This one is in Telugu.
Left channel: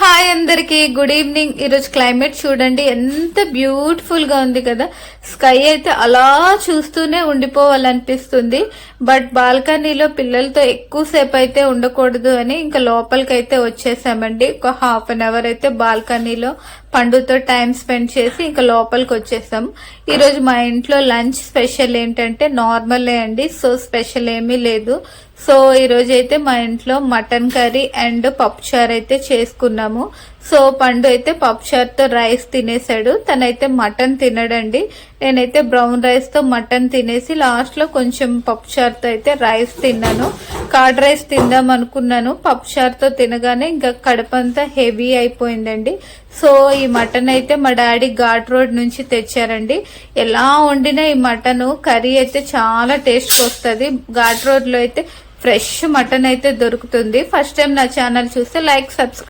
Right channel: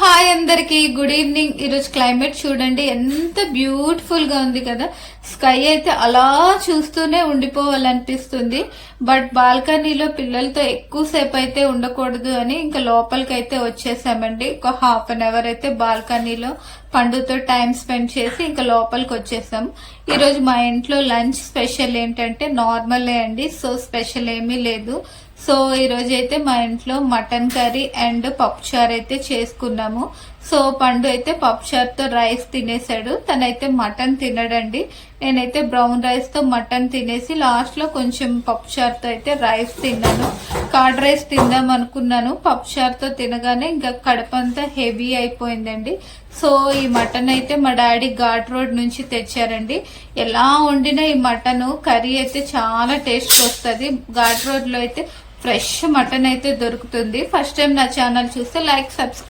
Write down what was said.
హాయ్ అందరికి గుడ్ ఈవినింగ్. ఈరోజు క్లైమేట్ చూడండి ఎంత బ్యూటిఫుల్ గా ఉంది కదా. స్కై అయితే అలా చూస్తూనే ఉండిపోవాలనిపిస్తుంది. బట్ బాల్కనీలో పిల్లలతో ఎక్కువసేపు అయితే ఉండకూడదు అని ఇంకా లోపలికైతే వచ్చేసామండి. ఒక హాఫ్ అన్ అవర్ అయితే బాల్కనీలో పండుతో టైం స్పెండ్ చేసి ఇంకా లోపలికి వచ్చేసాం. ఈ రోజు మా ఇంట్లో లంచ్ స్పెషల్ ఏంటంటే నార్మలే అండి. సో స్పెషల్ ఏమీ లేదు. సో ఈ రోజు అయితే మా ఇంట్లో మటన్ కర్రీ అండ్ పప్పుచారు అయితే చేసుకున్నాము. సో పండు అయితే పప్పుచారు తో రైస్ తినేసాడు. తనైతే మటన్ తినడండి. నేనైతే బ్రౌన్ రైస్ తో మటన్ తినేసి లాస్ట్ లో కొంచెం పప్పుచారుతో అయితే రైస్ తిన్నాను. కర్డ్ రైస్ తిందాం అనుకున్నాను. పప్పుచారుతో తినగానే ఇంకా కడుపంతా హెవీ అయిపోయిందండి. సో ఈ మటన్ అయితే మా డాడీ ఘాట్ రోడ్ నుంచి తెచ్చారండి. ఎలా వండినా ఈ మటన్ కర్రీ అయితే చాలా టేస్ట్ వస్తుంది. ఘాట్ రోడ్ లో అయితే ఫ్రెష్ మటన్ అయితే దొరుకుతుంది. ఫస్ట్ టైం నా ఛానల్ చూస్తే లైక్ సబ్స్క్రైబ్